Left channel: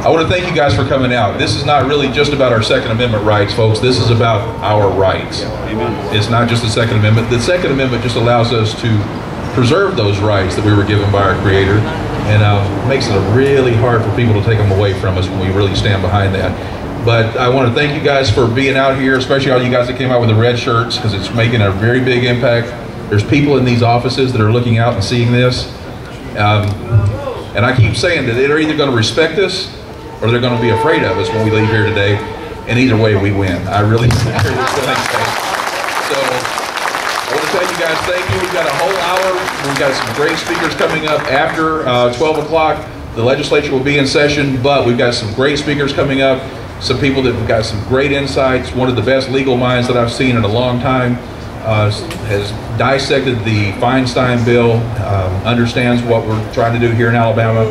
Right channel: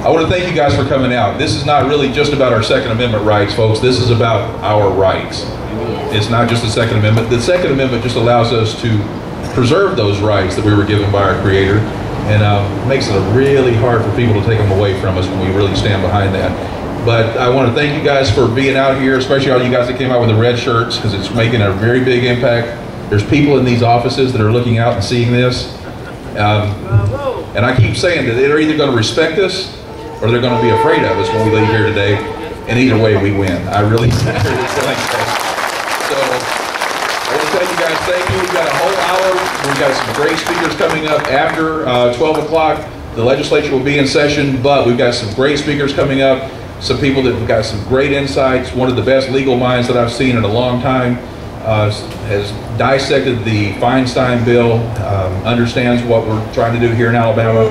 I want to thank you guys for coming out. This is not really just about our Second Amendment rights, folks. This is about our rights. It's not just the Second Amendment. The Second Amendment just allows us to preserve those rights that we were given by our Creator, and makes it really hard for people to take them away from us when we really stand behind that. But I want to thank you guys for being out here, especially all you guys that came out with the red shirts, because it's making a very big impact. There's people in these offices that are looking out and seeing this. And I keep saying that they're either going to respect us or they're going to be afraid of us when we leave here today. And either way, we win. I really think so. I want to tell you guys thank you. We've got a whole hour. We've got some great speakers coming up after 12 o'clock. The legislature will be in session, but we've got some great speakers coming up. Some people that have got some great insights. One of the best legal minds that I've seen in a long time has dissected the Feinstein bill, understands what we're trying to do here in Alabama.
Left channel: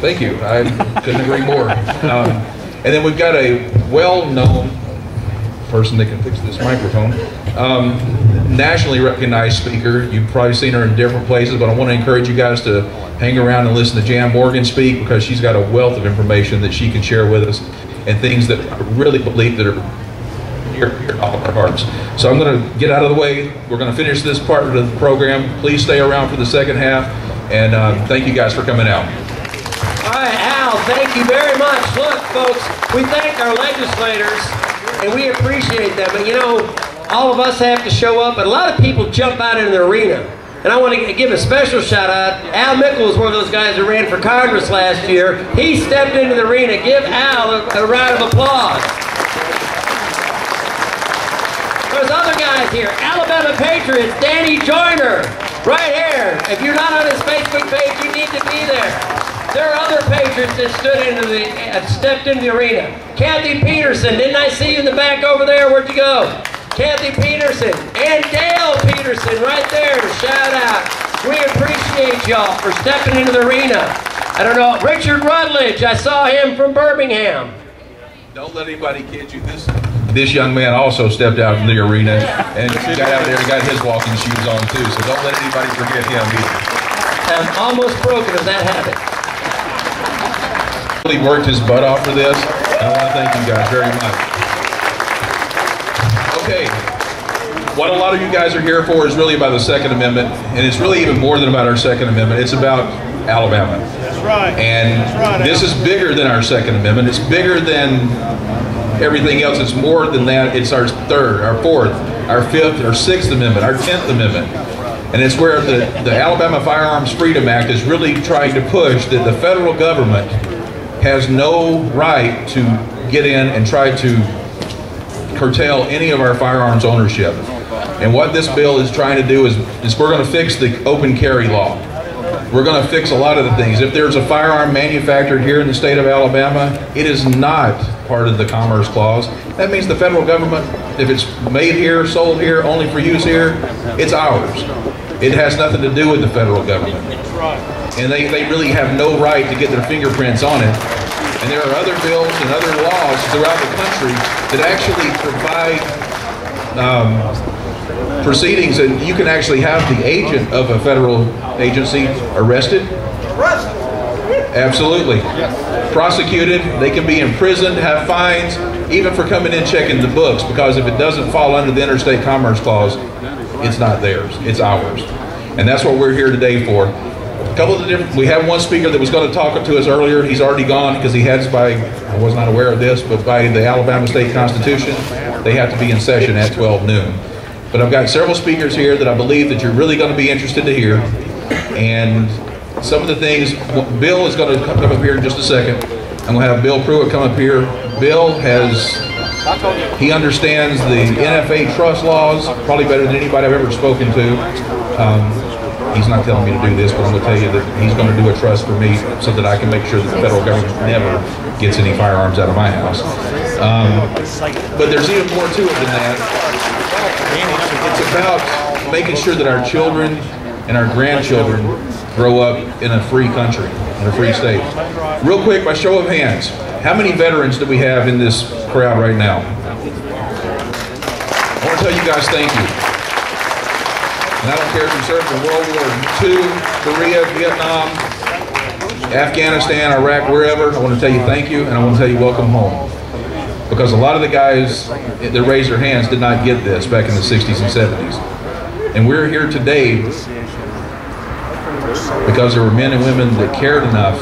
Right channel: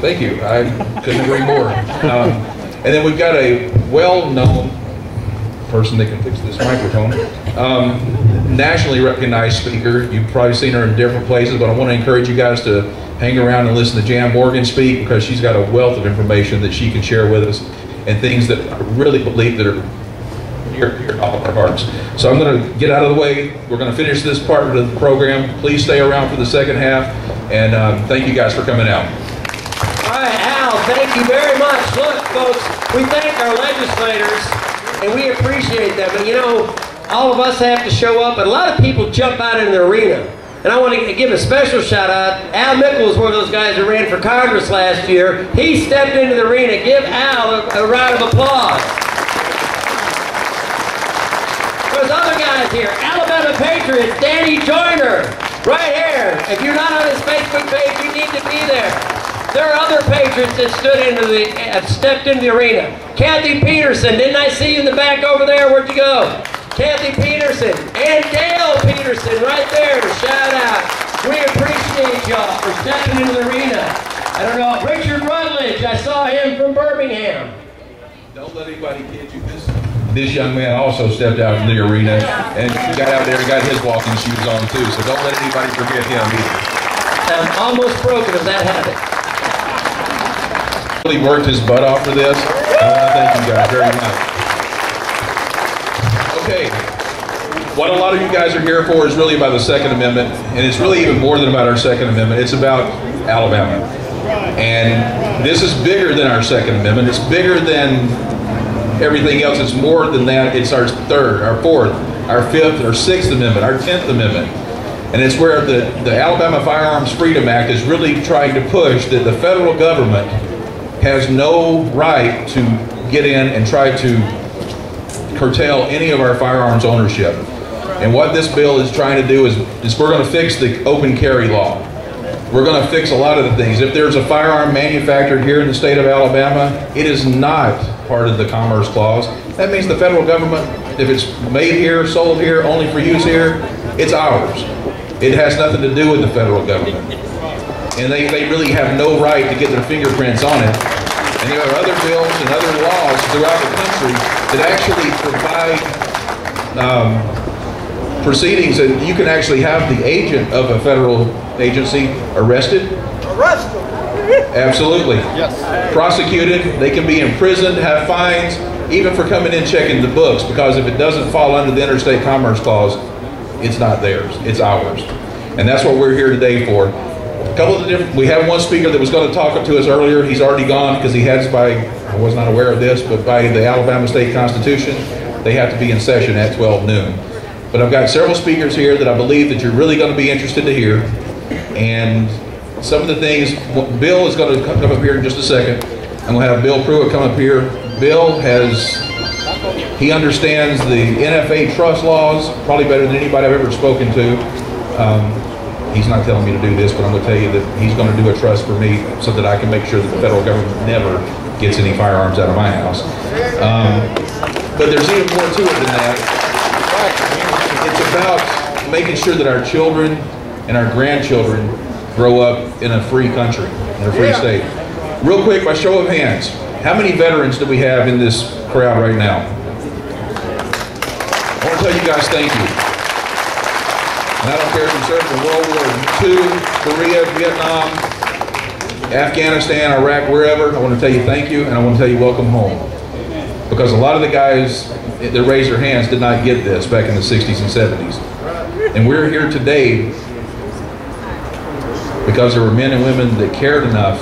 Thank you. I couldn't agree more. And then we've got a well-known person that can fix this microphone, nationally recognized speaker. You've probably seen her in different places, but I want to encourage you guys to hang around and listen to Jan Morgan speak, because she's got a wealth of information that she can share with us, and things that I really believe that are near to all of our hearts. So I'm going to get out of the way. We're going to finish this part of the program. Please stay around for the second half, and thank you guys for coming out. All right, Al, thank you very much. Look, folks, we thank our legislators, and we appreciate them. And you know, all of us have to show up, and a lot of people jump out in the arena. And I want to give a special shout out. Al Mickle was one of those guys that ran for Congress last year. He stepped into the arena. Give Al a round of applause. There's other guys here. Alabama Patriots, Danny Joyner, right here. If you're not on his Facebook page, you need to be there. There are other Patriots that stepped into the arena. Kathy Peterson, didn't I see you in the back over there? Where'd you go? Kathy Peterson and Dale Peterson right there. Shout out. We appreciate y'all for stepping into the arena. I don't know, Richard Rutledge, I saw him from Birmingham. Don't let anybody kid you. This young man also stepped out in the arena and got out there and got his walking shoes on too. So don't let anybody forget him either. I'm almost broken of that habit. He worked his butt off for this. I want to thank you guys very much. Okay, what a lot of you guys are here for is really about the Second Amendment, and it's really even more than about our Second Amendment. It's about Alabama. That's right. And this is bigger than our Second Amendment. It's bigger than everything else. It's more than that. It's our third, our fourth, our fifth, our sixth amendment, our 10th amendment. And it's where the Alabama Firearms Freedom Act is really trying to push that the federal government has no right to get in and try to curtail any of our firearms ownership. And what this bill is trying to do is we're going to fix the open carry law. We're going to fix a lot of the things. If there's a firearm manufactured here in the state of Alabama, it is not part of the Commerce Clause. That means the federal government, if it's made here, sold here, only for use here, it's ours. It has nothing to do with the federal government. And they really have no right to get their fingerprints on it. And there are other bills and other laws throughout the country that actually provide proceedings, and you can actually have the agent of a federal agency arrested. Absolutely. Yes. Prosecuted. They can be imprisoned, have fines, even for coming in checking the books, because if it doesn't fall under the Interstate Commerce Clause, it's not theirs, it's ours. And that's what we're here today for. We have one speaker that was going to talk to us earlier. He's already gone because he has, I was not aware of this, but by the Alabama State Constitution, they have to be in session at 12 noon. But I've got several speakers here that I believe that you're really going to be interested to hear. And some of the things, Bill is going to come up here in just a second. I'm going to have Bill Pruitt come up here. Bill he understands the NFA trust laws probably better than anybody I've ever spoken to. He's not telling me to do this, but I'm going to tell you that he's going to do a trust for me so that I can make sure that the federal government never gets any firearms out of my house. But there's even more to it than that. It's about making sure that our children and our grandchildren grow up in a free country, in a free state. Real quick, by show of hands, how many veterans do we have in this crowd right now? I want to tell you guys thank you. And I don't care if you served in World War II, Korea, Vietnam, Afghanistan, Iraq, wherever, I want to tell you thank you, and I want to tell you welcome home. Because a lot of the guys that raised their hands did not get this back in the 60s and 70s. And we're here today because there were men and women that cared enough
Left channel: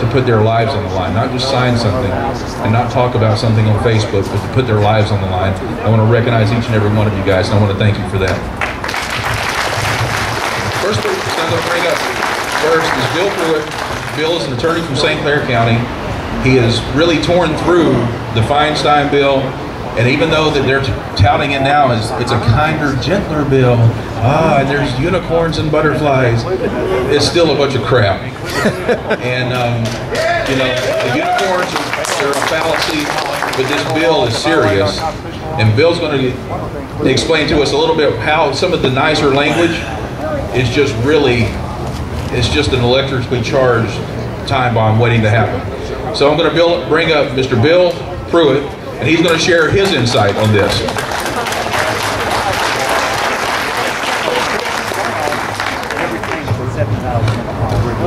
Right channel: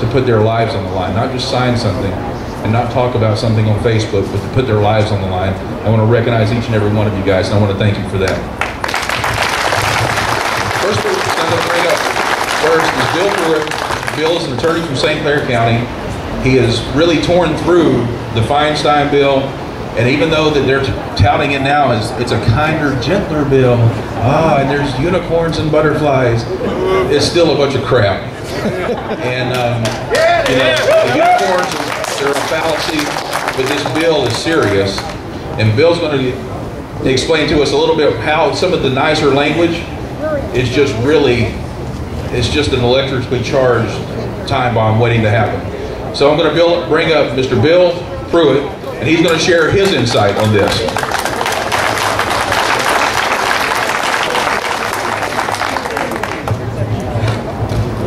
to put their lives on the line, not just sign something and not talk about something on Facebook, but to put their lives on the line. I want to recognize each and every one of you guys, and I want to thank you for that. First person I'm going to bring up first is Bill Pruitt. Bill is an attorney from St. Clair County. He has really torn through the Feinstein bill, and even though that they're touting it now as it's a kinder, gentler bill, and there's unicorns and butterflies, it's still a bunch of crap. And you know, the unicorns, they're a fallacy, but this bill is serious. And Bill's going to explain to us a little bit how some of the nicer language is just really, it's just an electrically charged time bomb waiting to happen. So I'm going to bring up Mr. Bill Pruitt, and he's going to share his insight on this.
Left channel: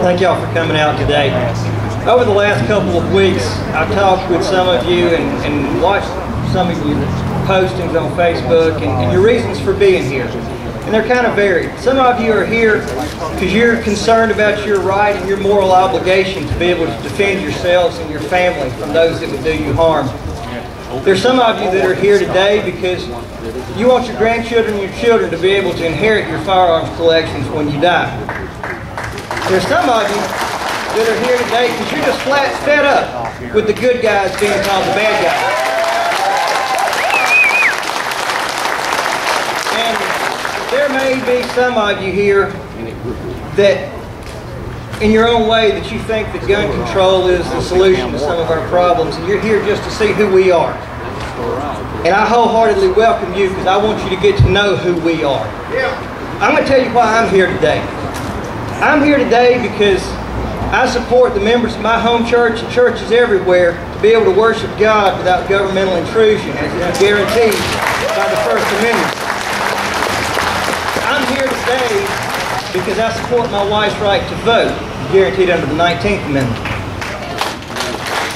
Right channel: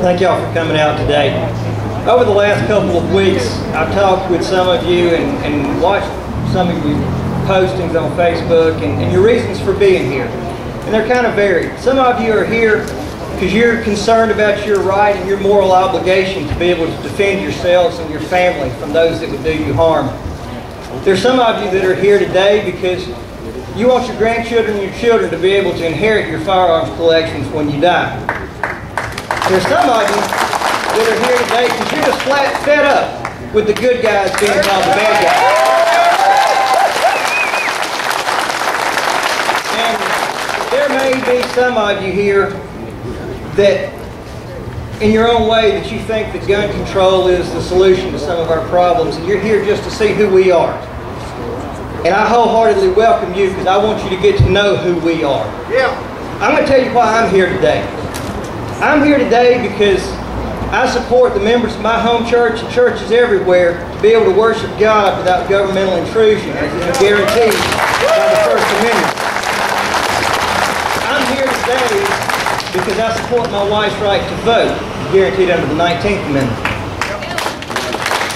Thank y'all for coming out today. Over the last couple of weeks, I've talked with some of you and watched some of your postings on Facebook and your reasons for being here. And they're kind of varied. Some of you are here because you're concerned about your right and your moral obligation to be able to defend yourselves and your family from those that would do you harm. There's some of you that are here today because you want your grandchildren and your children to be able to inherit your firearms collections when you die. There's some of you that are here today because you're just flat fed up with the good guys being called the bad guys. And there may be some of you here that in your own way that you think that gun control is the solution to some of our problems, and you're here just to see who we are. And I wholeheartedly welcome you because I want you to get to know who we are. I'm going to tell you why I'm here today. I'm here today because I support the members of my home church and churches everywhere to be able to worship God without governmental intrusion, as is guaranteed by the First Amendment. I'm here today because I support my wife's right to vote, guaranteed under the 19th Amendment.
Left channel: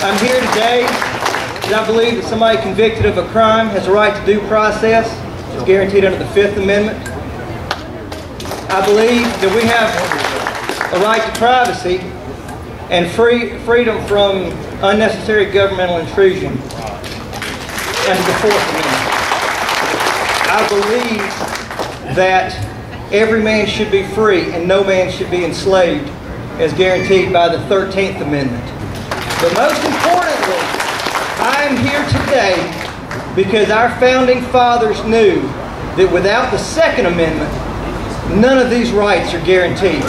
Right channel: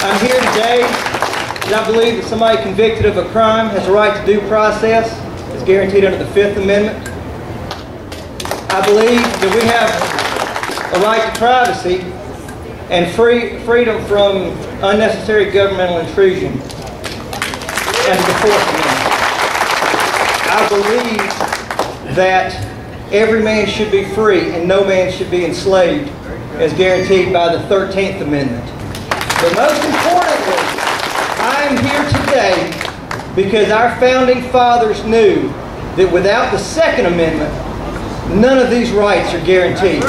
I'm here today because I believe that somebody convicted of a crime has a right to due process, as guaranteed under the 5th Amendment. I believe that we have a right to privacy and freedom from unnecessary governmental intrusion under the 4th Amendment. I believe that every man should be free and no man should be enslaved, as guaranteed by the 13th Amendment. But most importantly, I am here today because our founding fathers knew that without the Second Amendment, none of these rights are guaranteed.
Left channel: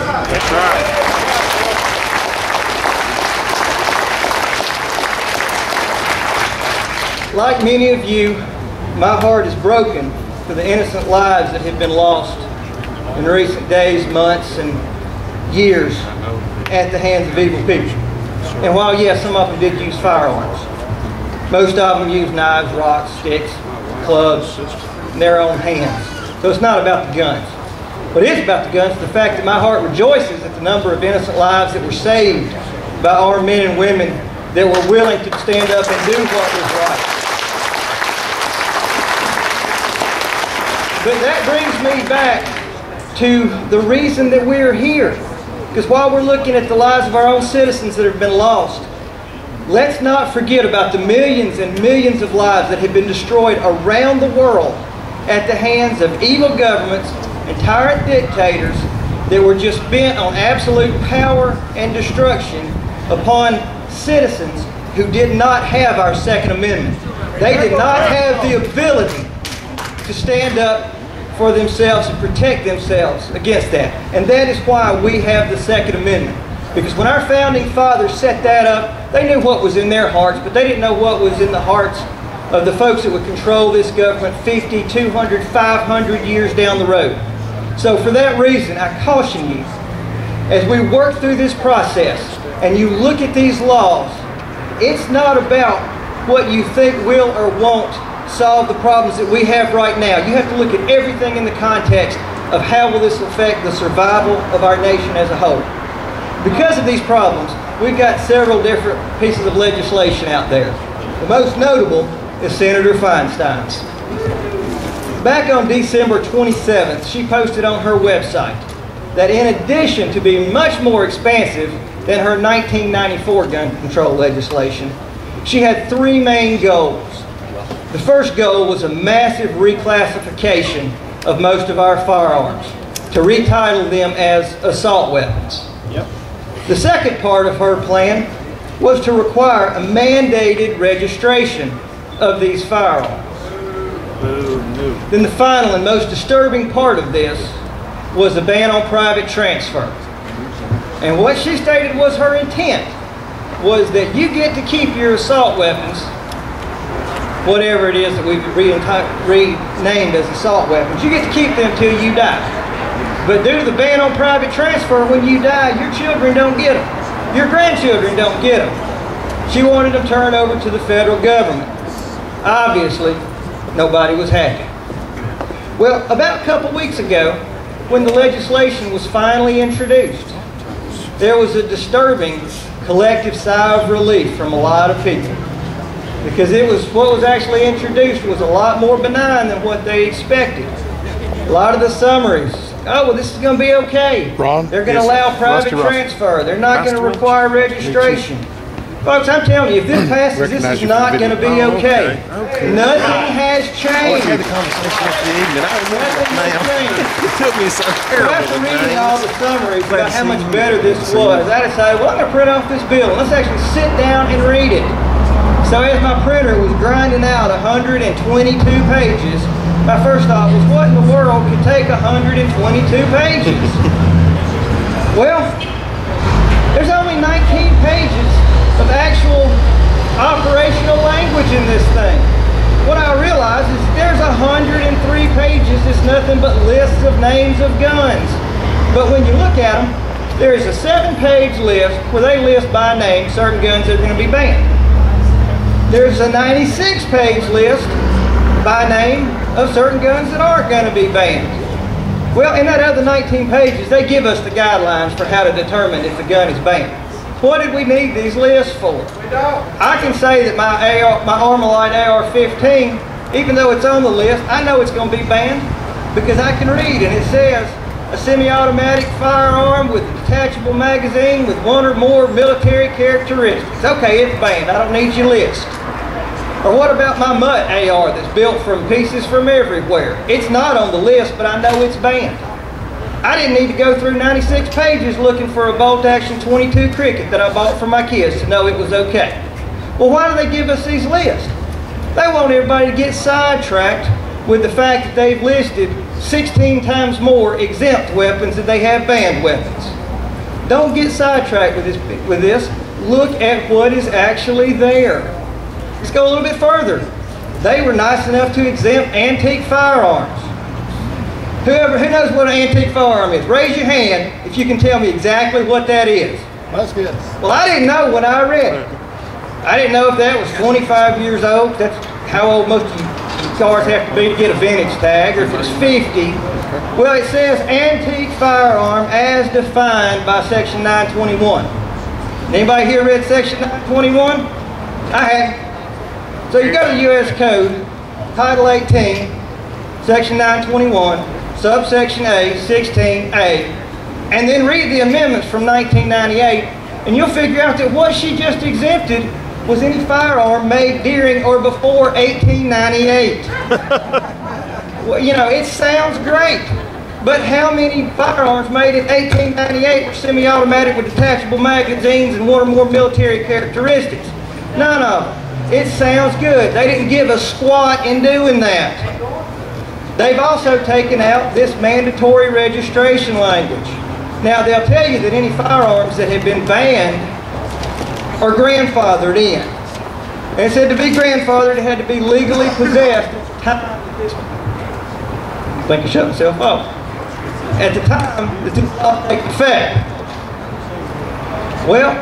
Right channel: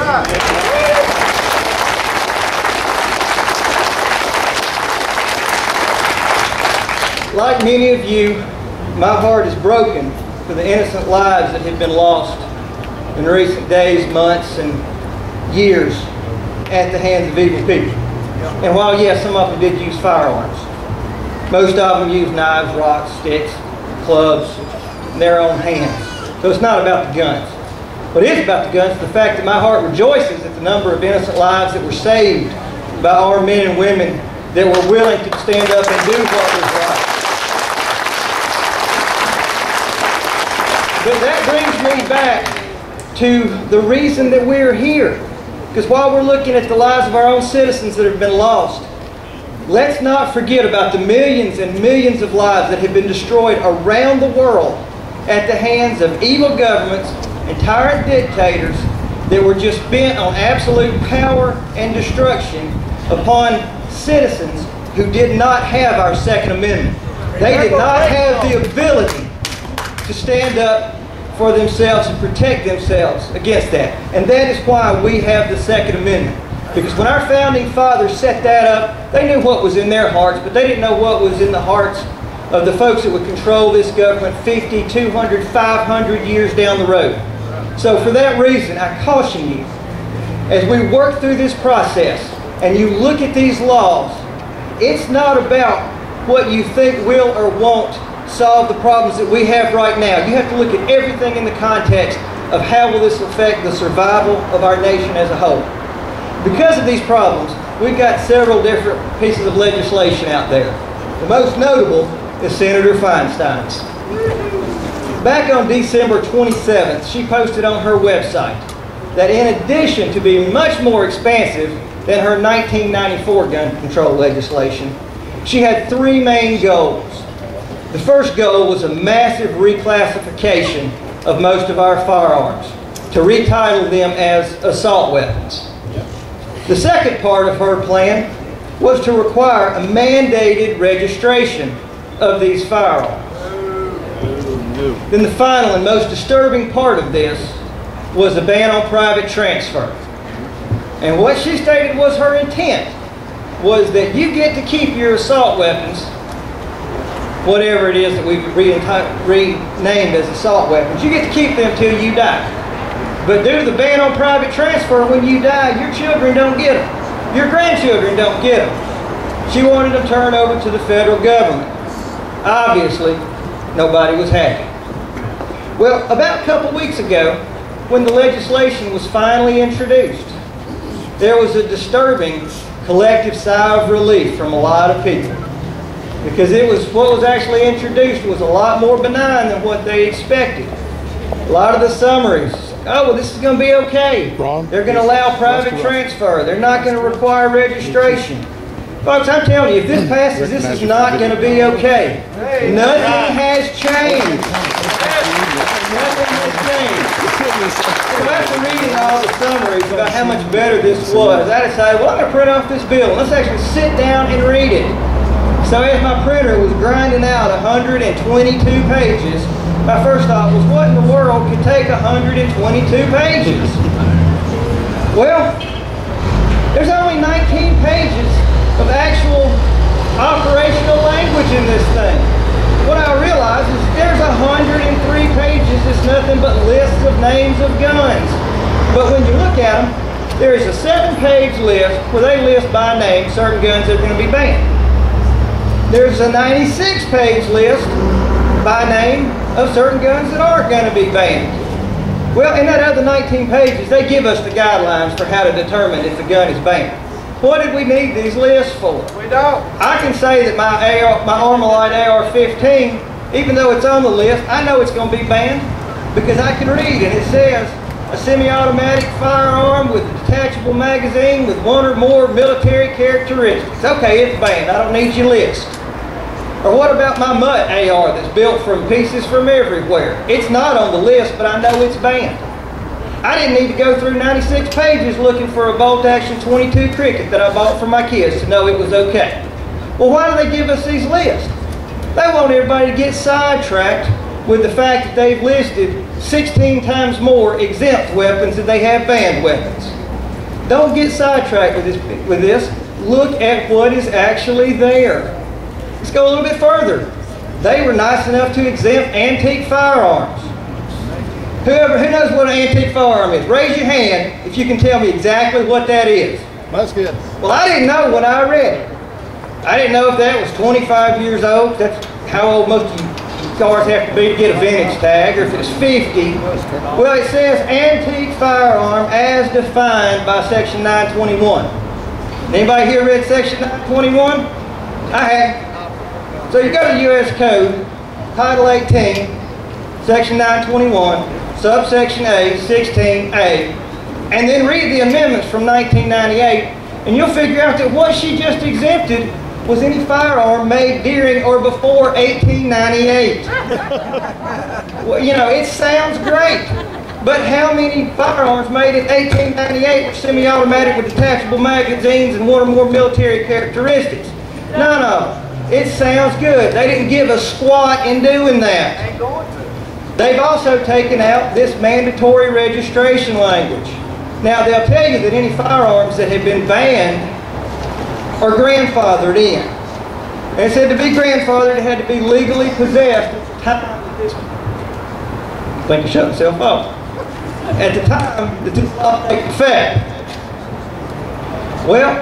Like many of you, my heart is broken for the innocent lives that have been lost in recent days, months, and years at the hands of evil people. And while, yes, some of them did use firearms, most of them used knives, rocks, sticks, clubs, in their own hands. So it's not about the guns. What is about the guns is the fact that my heart rejoices at the number of innocent lives that were saved by our men and women that were willing to stand up and do what was right. But that brings me back to the reason that we're here. Because while we're looking at the lives of our own citizens that have been lost, let's not forget about the millions and millions of lives that have been destroyed around the world at the hands of evil governments and tyrant dictators that were just bent on absolute power and destruction upon citizens who did not have our Second Amendment. They did not have the ability to stand up for themselves and protect themselves against that. And that is why we have the Second Amendment. Because when our founding fathers set that up, they knew what was in their hearts, but they didn't know what was in the hearts of the folks that would control this government 50, 200, 500 years down the road. So for that reason, I caution you, as we work through this process and you look at these laws, it's not about what you think will or won't solve the problems that we have right now. You have to look at everything in the context of how will this affect the survival of our nation as a whole. Because of these problems, we've got several different pieces of legislation out there. The most notable is Senator Feinstein's. Back on December 27th, she posted on her website that in addition to being much more expansive than her 1994 gun control legislation, she had three main goals. The first goal was a massive reclassification of most of our firearms to retitle them as assault weapons. The second part of her plan was to require a mandated registration of these firearms. Then the final and most disturbing part of this was a ban on private transfer. And what she stated was her intent was that you get to keep your assault weapons, whatever it is that we've renamed as assault weapons, you get to keep them till you die. But due to the ban on private transfer, when you die, your children don't get them. Your grandchildren don't get them. She wanted them turned over to the federal government. Obviously, nobody was happy. Well, about a couple weeks ago, when the legislation was finally introduced, there was a disturbing collective sigh of relief from a lot of people. Because what was actually introduced was a lot more benign than what they expected. A lot of the summaries, oh, well, this is going to be okay. They're going to allow private transfer. They're not going to require registration. Folks, I'm telling you, if this passes, this is not going to be okay. Nothing has changed. Nothing has changed. So after reading all the summaries about how much better this was, I decided, well, I'm going to print off this bill. Let's actually sit down and read it. So as my printer was grinding out 122 pages, my first thought was, what in the world could take 122 pages? Well, there's only 19 pages of actual operational language in this thing. What I realized is there's 103 pages that's nothing but lists of names of guns. But when you look at them, there is a 7-page list where they list by name certain guns that are going to be banned. There's a 96-page list by name of certain guns that aren't going to be banned. Well, in that other 19 pages, they give us the guidelines for how to determine if the gun is banned. What did we need these lists for? We don't. I can say that my Armalite AR-15, even though it's on the list, I know it's going to be banned because I can read, and it says a semi-automatic firearm with a detachable magazine with one or more military characteristics. Okay, it's banned. I don't need your list. Or what about my Mutt AR that's built from pieces from everywhere? It's not on the list, but I know it's banned. I didn't need to go through 96 pages looking for a bolt-action 22 Cricket that I bought for my kids to know it was okay. Well, why do they give us these lists? They want everybody to get sidetracked with the fact that they've listed 16 times more exempt weapons than they have banned weapons. Don't get sidetracked with this. Look at what is actually there. Let's go a little bit further. They were nice enough to exempt antique firearms. Who knows what an antique firearm is? Raise your hand if you can tell me exactly what that is. That's good. Well, I didn't know when I read it. I didn't know if that was 25 years old. That's how old most of you cars have to be to get a vintage tag, or if it's 50. Well, it says antique firearm as defined by Section 921. Anybody here read Section 921? I have. So you go to the U.S. Code, Title 18, Section 921, subsection A, 16A, and then read the amendments from 1998, and you'll figure out that what she just exempted was any firearm made during or before 1898. Well, you know, it sounds great, but how many firearms made in 1898 were semi-automatic with detachable magazines and one or more military characteristics? None of them. It sounds good. They didn't give a squat in doing that. They've also taken out this mandatory registration language. Now, they'll tell you that any firearms that have been banned are grandfathered in. And it said to be grandfathered, it had to be legally possessed at the time that this... I think I shut myself off. At the time that this law took effect. Well,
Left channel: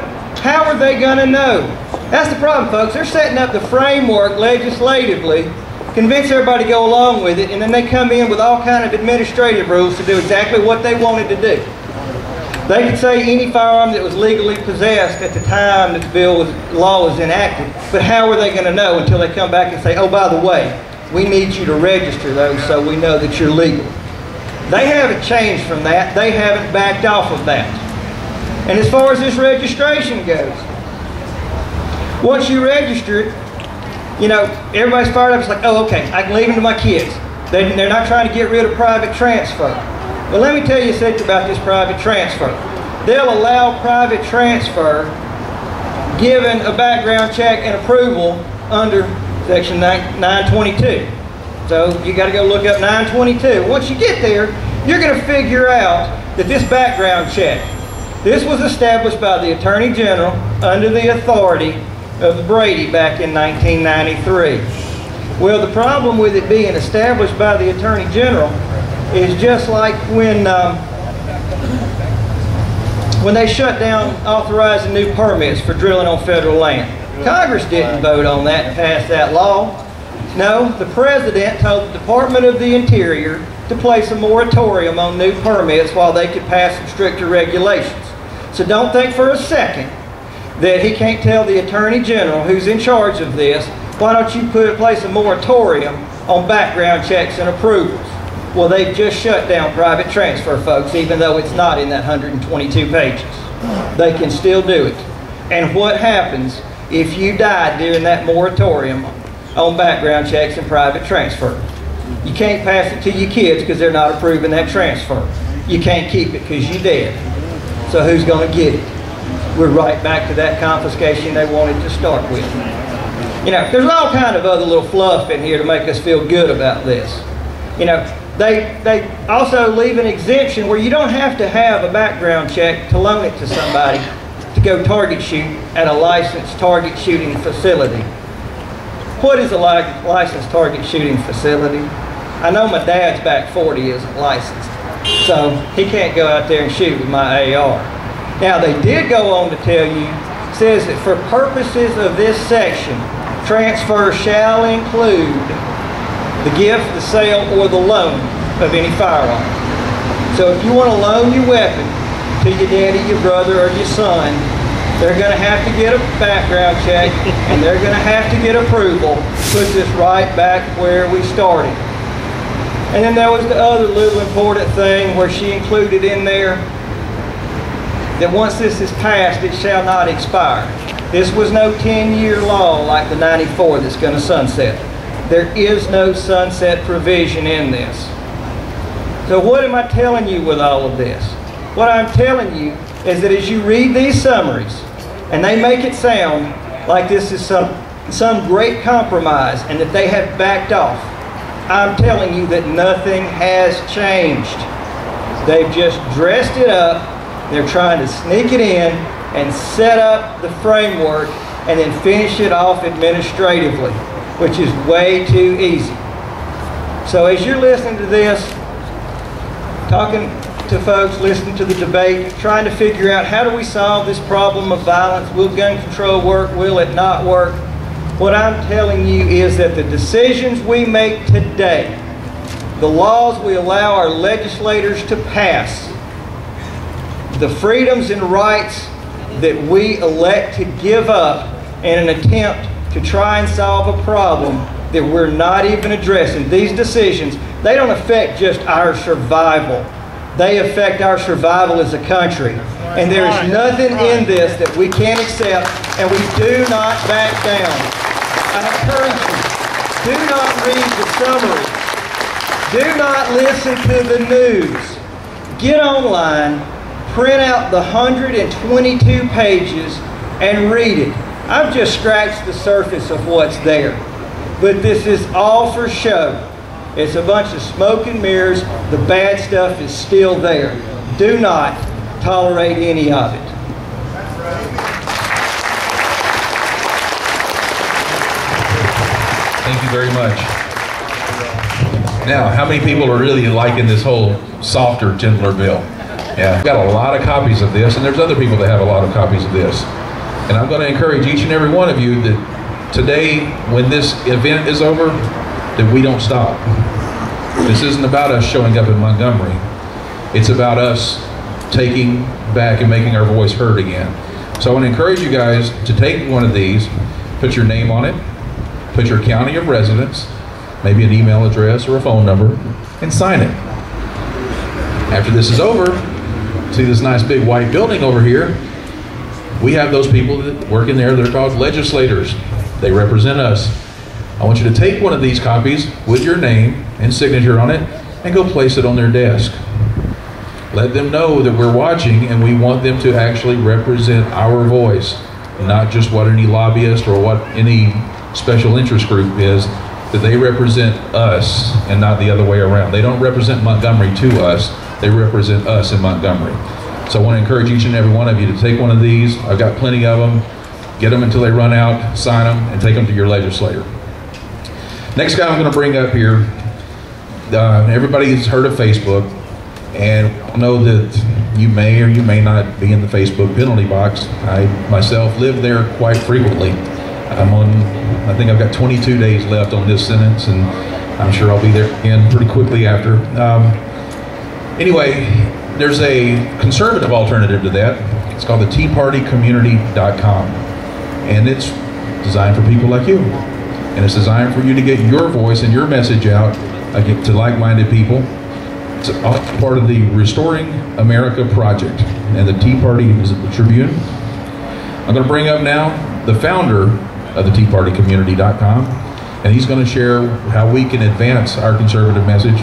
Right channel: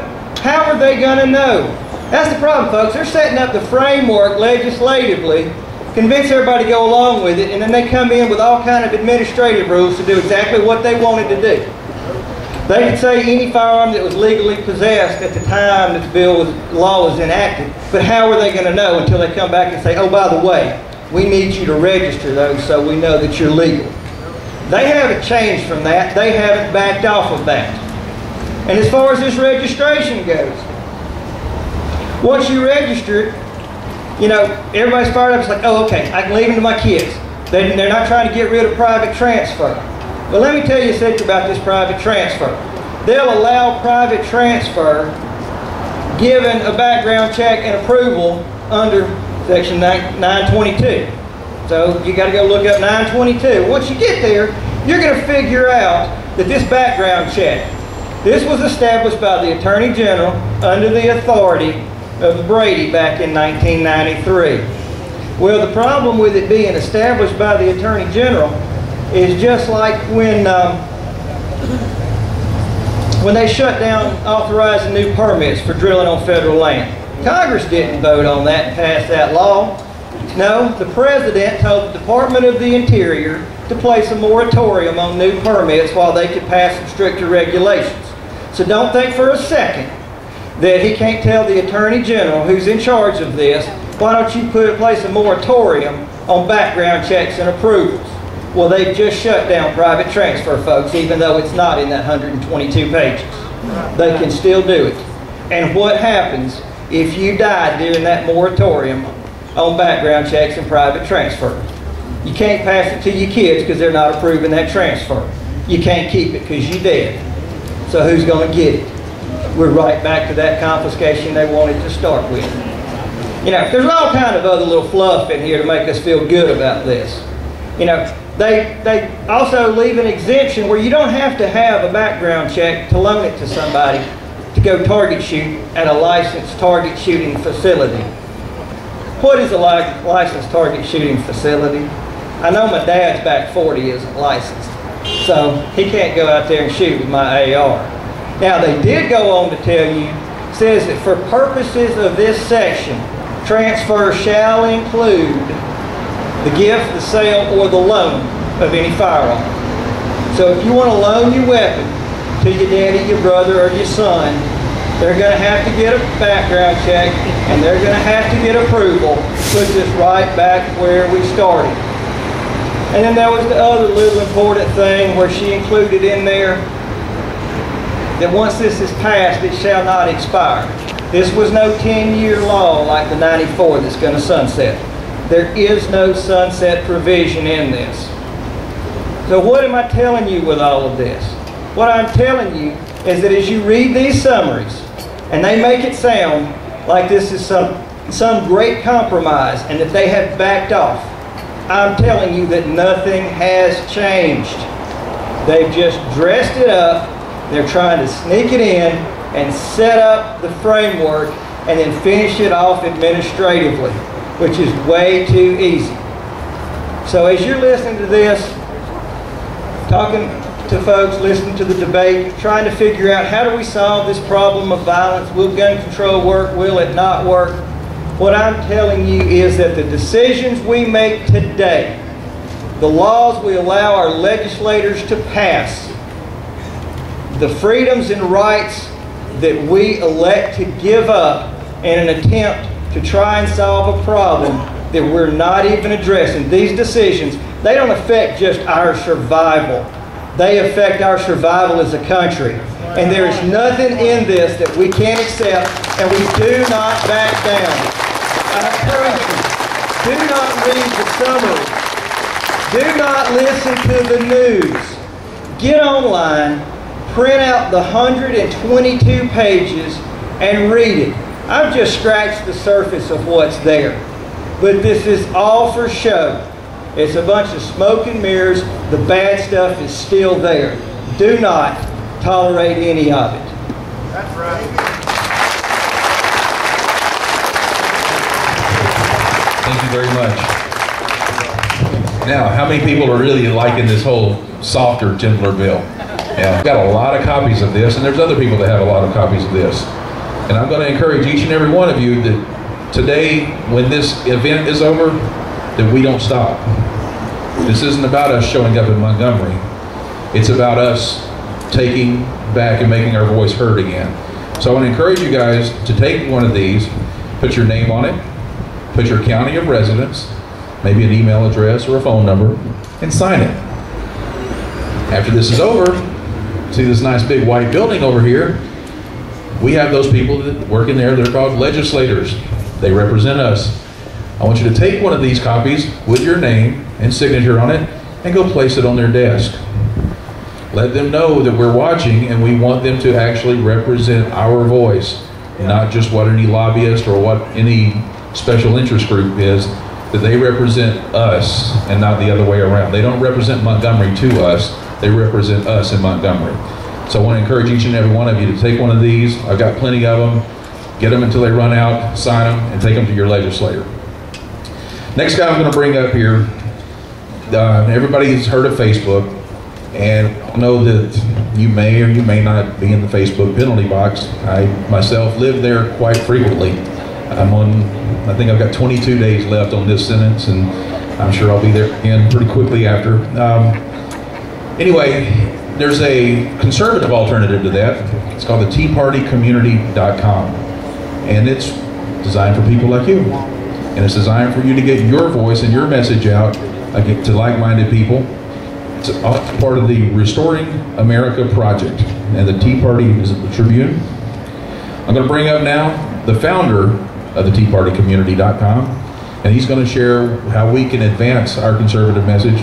how are they going to know? That's the problem, folks. They're setting up the framework legislatively, convince everybody to go along with it, and then they come in with all kind of administrative rules to do exactly what they wanted to do. They could say any firearm that was legally possessed at the time that the law was enacted, but how are they going to know until they come back and say, oh, by the way, we need you to register those so we know that you're legal. They haven't changed from that. They haven't backed off of that. And as far as this registration goes, once you register it, you know, everybody's fired up. It's like, oh, okay, I can leave them to my kids. They're not trying to get rid of private transfer. But let me tell you a secret about this private transfer. They'll allow private transfer given a background check and approval under Section 922. So you got to go look up 922. Once you get there, you're going to figure out that this background check, this was established by the Attorney General under the authority of Brady back in 1993. Well, the problem with it being established by the Attorney General is just like when they shut down authorizing new permits for drilling on federal land. Congress didn't vote on that and pass that law. No, the President told the Department of the Interior to place a moratorium on new permits while they could pass some stricter regulations. So don't think for a second that he can't tell the Attorney General, who's in charge of this, why don't you place a moratorium on background checks and approvals? Well, they've just shut down private transfer, folks, even though it's not in that 122 pages. They can still do it. And what happens if you die during that moratorium on background checks and private transfer? You can't pass it to your kids because they're not approving that transfer. You can't keep it because you're dead. So who's going to get it? We're right back to that confiscation they wanted to start with. You know, there's all kind of other little fluff in here to make us feel good about this. You know, they also leave an exemption where you don't have to have a background check to loan it to somebody to go target shoot at a licensed target shooting facility. What is a licensed target shooting facility? I know my dad's back 40 isn't licensed, so he can't go out there and shoot with my AR. Now, they did go on to tell you, says that for purposes of this section, transfer shall include the gift, the sale, or the loan of any firearm. So if you want to loan your weapon to your daddy, your brother, or your son, they're going to have to get a background check and they're going to have to get approval. Puts us right back where we started. And then there was the other little important thing where she included in there that once this is passed, it shall not expire. This was no 10-year law like the 94 that's going to sunset. There is no sunset provision in this. So what am I telling you with all of this? What I'm telling you is that as you read these summaries, and they make it sound like this is some great compromise and that they have backed off, I'm telling you that nothing has changed. They've just dressed it up. They're trying to sneak it in and set up the framework and then finish it off administratively, which is way too easy. So as you're listening to this, talking to folks, listening to the debate, trying to figure out how do we solve this problem of violence, will gun control work, will it not work? What I'm telling you is that the decisions we make today, the laws we allow our legislators to pass, the freedoms and rights that we elect to give up in an attempt to try and solve a problem that we're not even addressing. These decisions, they don't affect just our survival. They affect our survival as a country. And there is nothing in this that we can't accept, and we do not back down. I encourage you, do not read the summary. Do not listen to the news. Get online, print out the 122 pages, and read it. I've just scratched the surface of what's there. But this is all for show. It's a bunch of smoke and mirrors. The bad stuff is still there. Do not tolerate any of it. That's right. Thank you very much. Now, how many people are really liking this whole softer, gentler bill? Yeah, I've got a lot of copies of this, and there's other people that have a lot of copies of this. And I'm going to encourage each and every one of you that today, when this event is over, that we don't stop. This isn't about us showing up in Montgomery. It's about us taking back and making our voice heard again. So I want to encourage you guys to take one of these, put your name on it, put your county of residence, maybe an email address or a phone number, and sign it. After this is over, see this nice big white building over here? We have those people that work in there. They're called legislators. They represent us. I want you to take one of these copies with your name and signature on it and go place it on their desk. Let them know that we're watching and we want them to actually represent our voice, not just what any lobbyist or what any special interest group is, that they represent us and not the other way around. They don't represent Montgomery to us, they represent us in Montgomery. So I want to encourage each and every one of you to take one of these. I've got plenty of them. Get them until they run out, sign them, and take them to your legislator. Next guy I'm going to bring up here, everybody's heard of Facebook, and I know that you may or you may not be in the Facebook penalty box. I myself live there quite frequently. I think I've got 22 days left on this sentence, and I'm sure I'll be there again pretty quickly after. Anyway, there's a conservative alternative to that. It's called the TeaPartyCommunity.com, and it's designed for people like you. And it's designed for you to get your voice and your message out to like-minded people. It's part of the Restoring America Project, and the Tea Party is the Tribune. I'm going to bring up now the founder of the TeaPartyCommunity.com, and he's going to share how we can advance our conservative message